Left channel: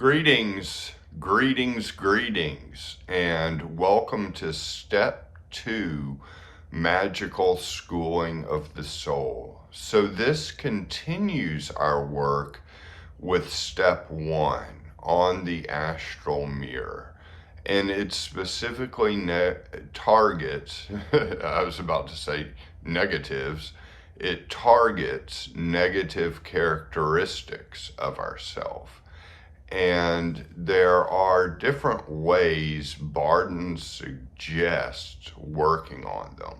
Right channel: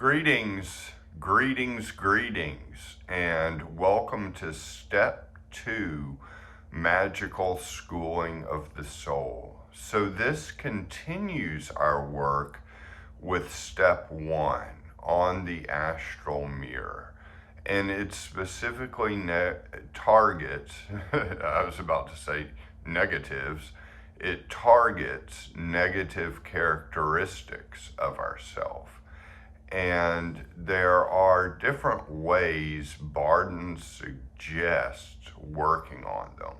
Greetings, greetings, greetings, and welcome to Step 2, Magical Schooling of the Soul. So this continues our work with Step 1 on the astral mirror. And it specifically targets, I was about to say negatives, it targets negative characteristics of ourself. And there are different ways Bardon suggests working on them.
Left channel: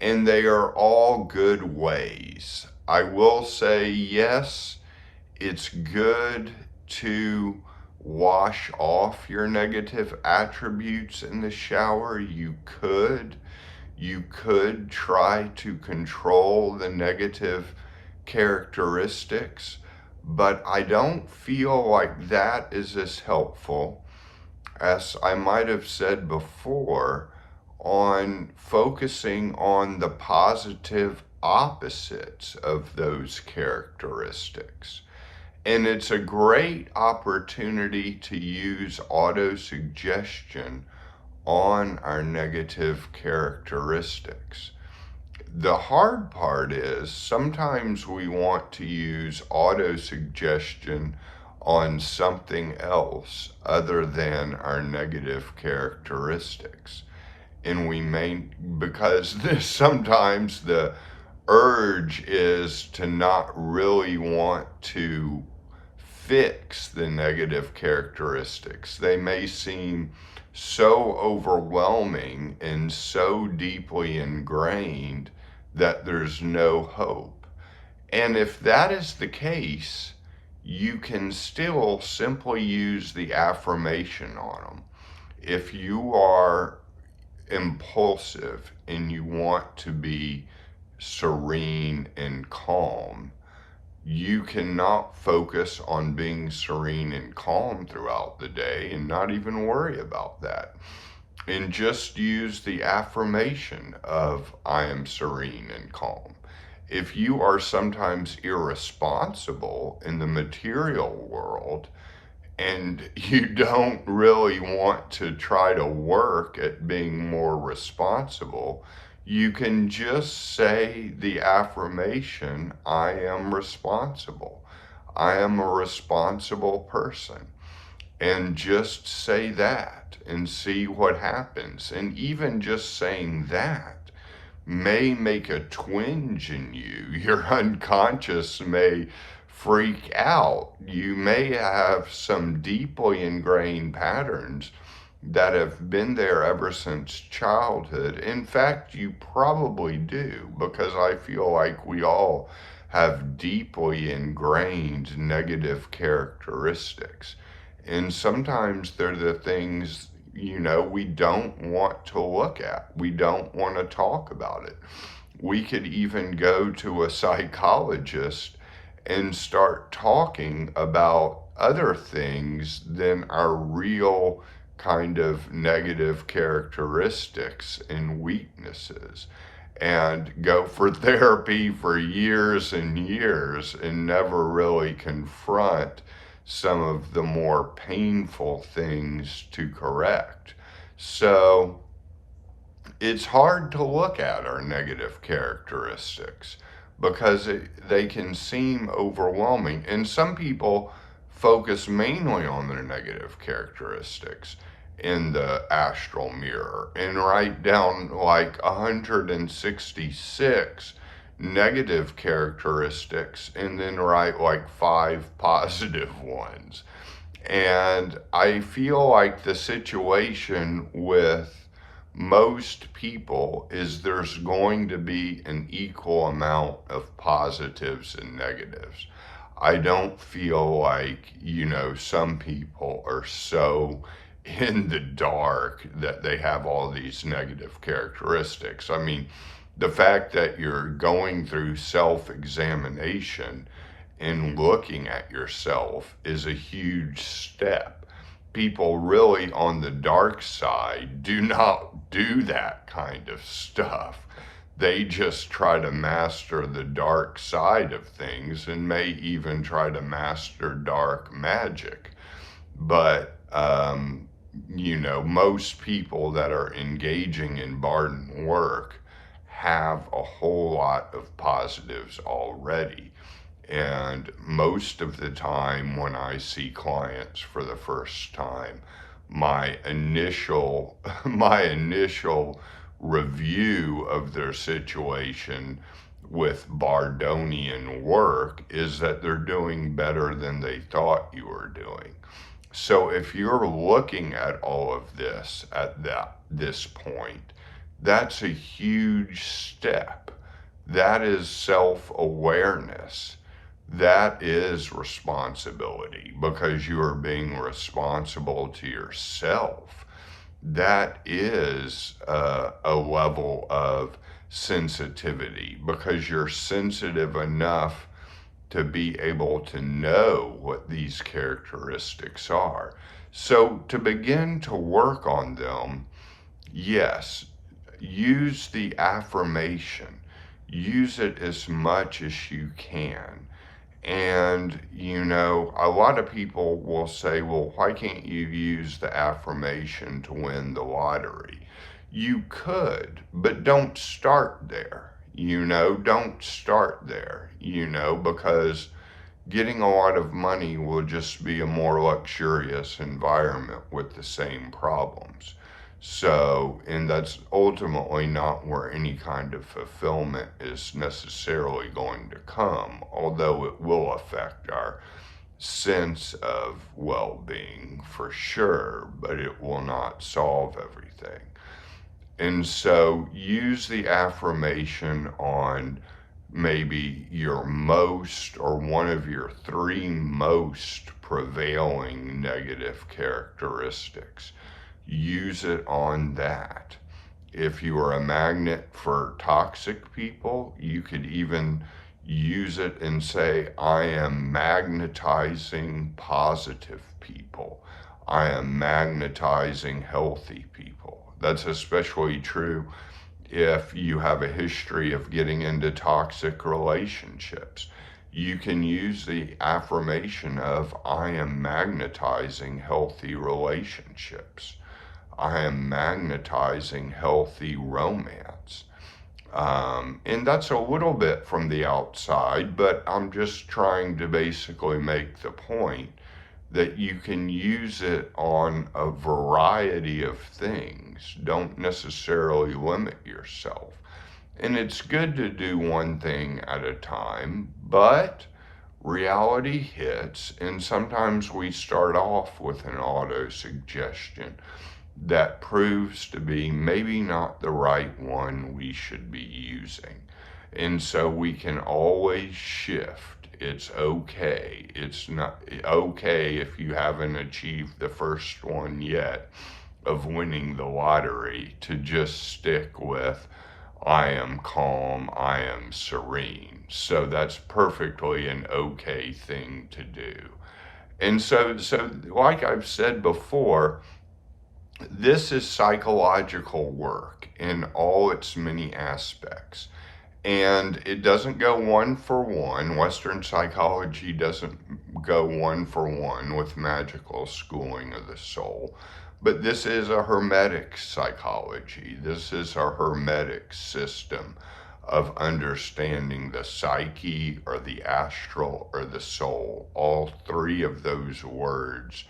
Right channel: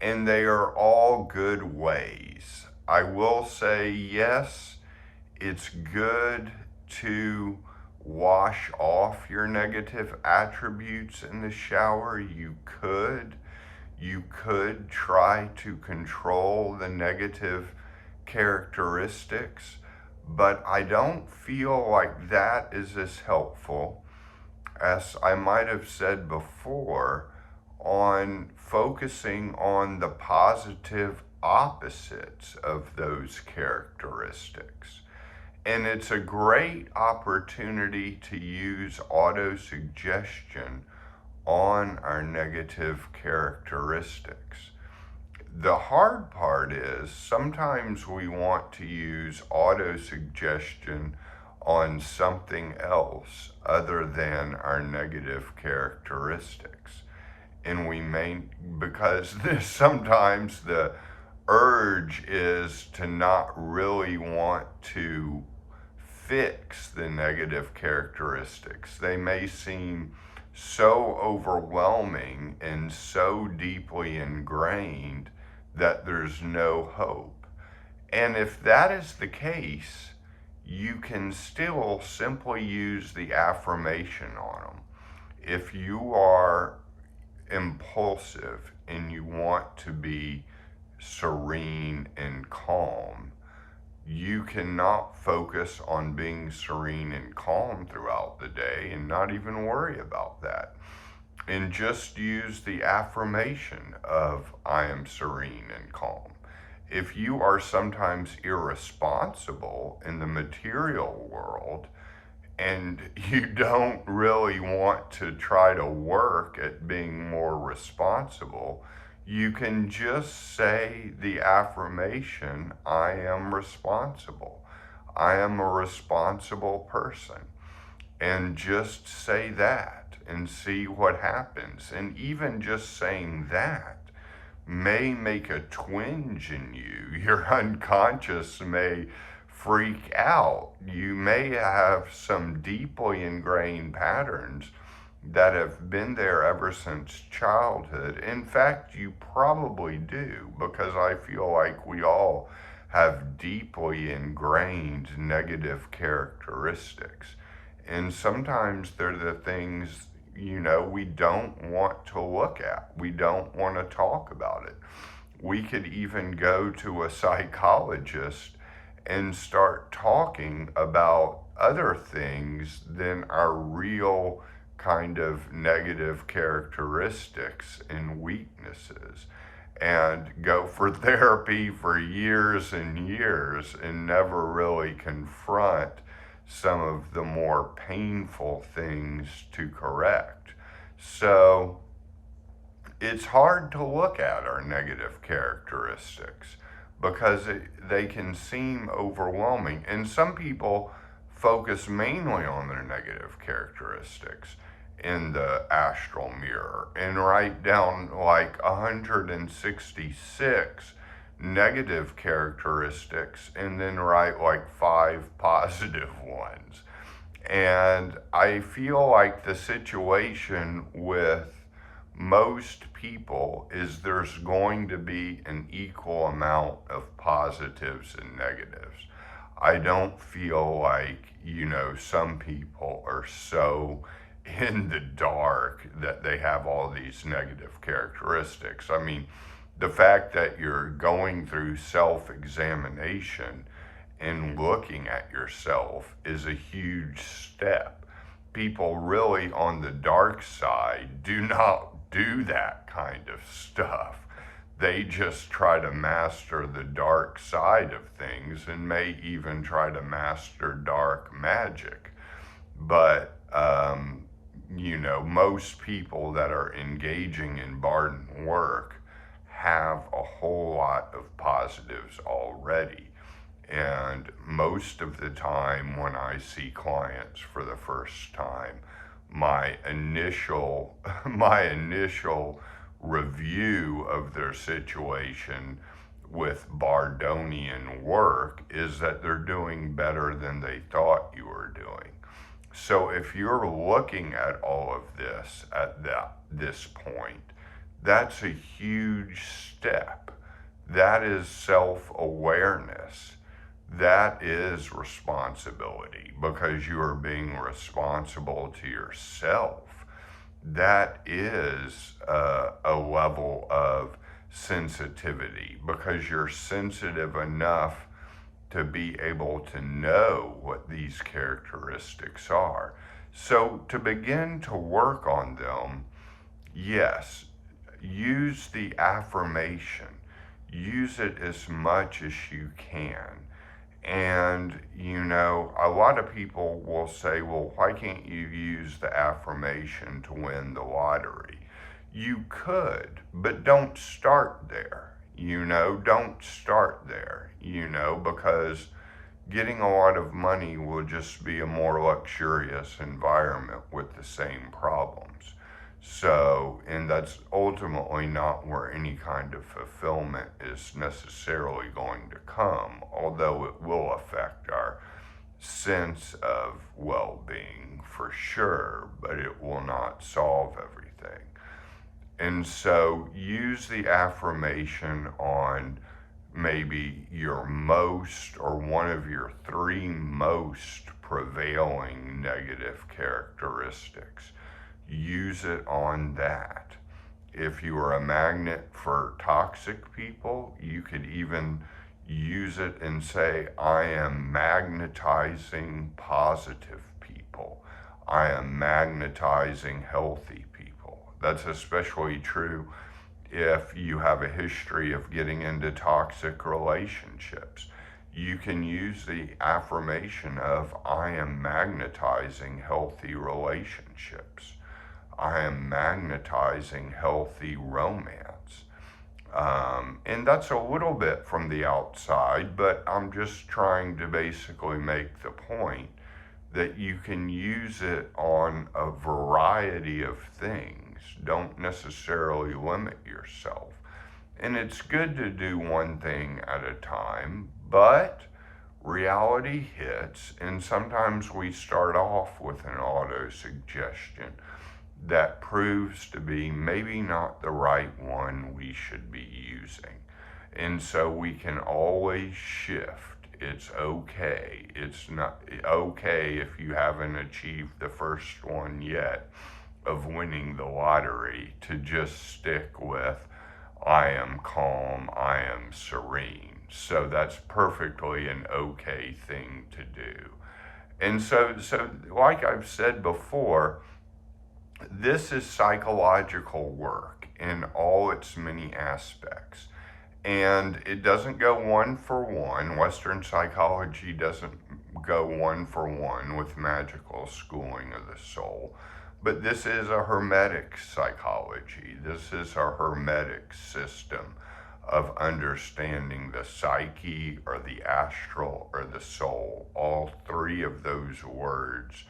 And they are all good ways. I will say, yes, it's good to wash off your negative attributes in the shower. You could try to control the negative characteristics, but I don't feel like that is as helpful as I might have said before on focusing on the positive opposites of those characteristics. And it's a great opportunity to use auto-suggestion on our negative characteristics. The hard part is sometimes we want to use auto-suggestion on something else other than our negative characteristics. And we may, because sometimes the urge is to not really want to fix the negative characteristics. They may seem so overwhelming and so deeply ingrained that there's no hope. And if that is the case, you can still simply use the affirmation on them. If you are impulsive and you want to be serene and calm, you cannot focus on being serene and calm throughout the day and not even worry about that. And just use the affirmation of I am serene and calm. If you are sometimes irresponsible in the material world and you don't really want to try to work at being more responsible, you can just say the affirmation, I am responsible. I am a responsible person. And just say that and see what happens. And even just saying that may make a twinge in you. Your unconscious may freak out. You may have some deeply ingrained patterns that have been there ever since childhood. In fact, you probably do, because I feel like we all have deeply ingrained negative characteristics. And sometimes they're the things, we don't want to look at. We don't want to talk about it. We could even go to a psychologist and start talking about other things than our real kind of negative characteristics and weaknesses, and go for therapy for years and years and never really confront some of the more painful things to correct. So it's hard to look at our negative characteristics because they can seem overwhelming. And some people focus mainly on their negative characteristics in the astral mirror and write down like 166 negative characteristics and then write like 5 positive ones. And I feel like the situation with most people is there's going to be an equal amount of positives and negatives. I don't feel like, some people are so in the dark that they have all these negative characteristics. I mean, the fact that you're going through self-examination and looking at yourself is a huge step. People really on the dark side do not do that kind of stuff. They just try to master the dark side of things and may even try to master dark magic. But, most people that are engaging in Bardon work have a whole lot of positives already. And most of the time when I see clients for the first time, my initial my initial review of their situation with Bardonian work is that they're doing better than they thought you were doing. So if you're looking at all of this at this point, that's a huge step. That is self-awareness. That is responsibility, because you are being responsible to yourself. That is a level of sensitivity, because you're sensitive enough to be able to know what these characteristics are. So to begin to work on them, yes, use the affirmation. Use it as much as you can. And, a lot of people will say, well, why can't you use the affirmation to win the lottery? You could, but don't start there. Don't start there, because getting a lot of money will just be a more luxurious environment with the same problems. So, and that's ultimately not where any kind of fulfillment is necessarily going to come, although it will affect our sense of well-being for sure, but it will not solve everything. And so use the affirmation on maybe your most, or one of your three most prevailing negative characteristics. Use it on that. If you are a magnet for toxic people, you could even use it and say, I am magnetizing positive people. I am magnetizing healthy people. That's especially true if you have a history of getting into toxic relationships. You can use the affirmation of, I am magnetizing healthy relationships. I am magnetizing healthy romance. And that's a little bit from the outside, but I'm just trying to basically make the point that you can use it on a variety of things. Don't necessarily limit yourself. And it's good to do one thing at a time, but reality hits, and sometimes we start off with an auto-suggestion that proves to be maybe not the right one we should be using. And so we can always shift. It's okay. It's not okay if you haven't achieved the first one yet of winning the lottery, to just stick with, I am calm, I am serene. So that's perfectly an okay thing to do. And so like I've said before, this is psychological work in all its many aspects. And it doesn't go one for one. Western psychology doesn't go one for one with magical schooling of the soul. But this is a hermetic psychology. This is a hermetic system of understanding the psyche, or the astral, or the soul. All three of those words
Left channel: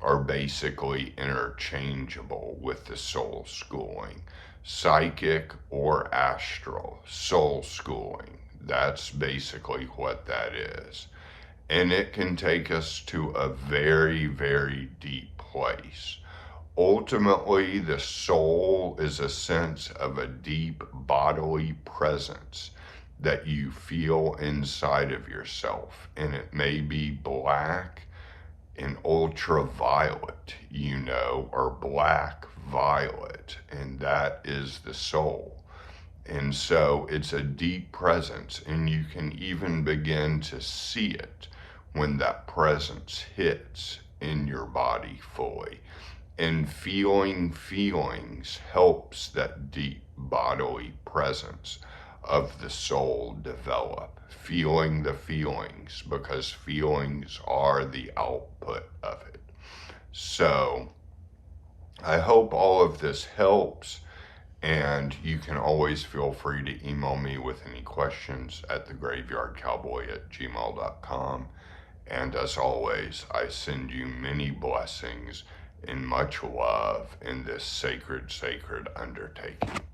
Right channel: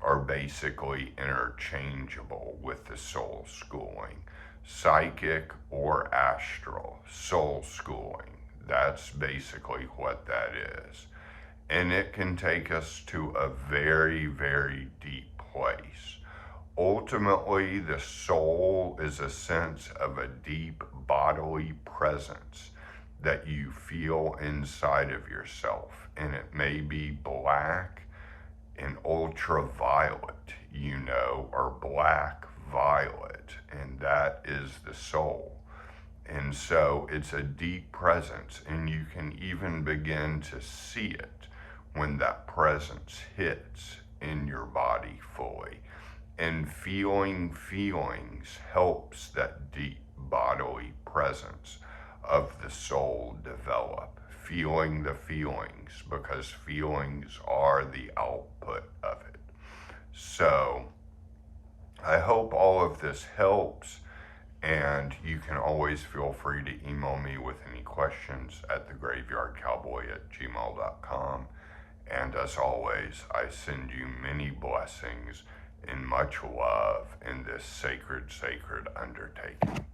are basically interchangeable with the soul schooling. Psychic or astral, soul schooling. That's basically what that is. And it can take us to a very, very deep place. Ultimately, the soul is a sense of a deep bodily presence that you feel inside of yourself. And it may be black and ultraviolet, or black violet, and that is the soul. And so it's a deep presence, and you can even begin to see it when that presence hits in your body fully. And feeling feelings helps that deep bodily presence of the soul develop. Feeling the feelings, because feelings are the output of it. So I hope all of this helps, and you can always feel free to email me with any questions at thegraveyardcowboy@gmail.com. And as always, I send you many blessings and much love in this sacred undertaking.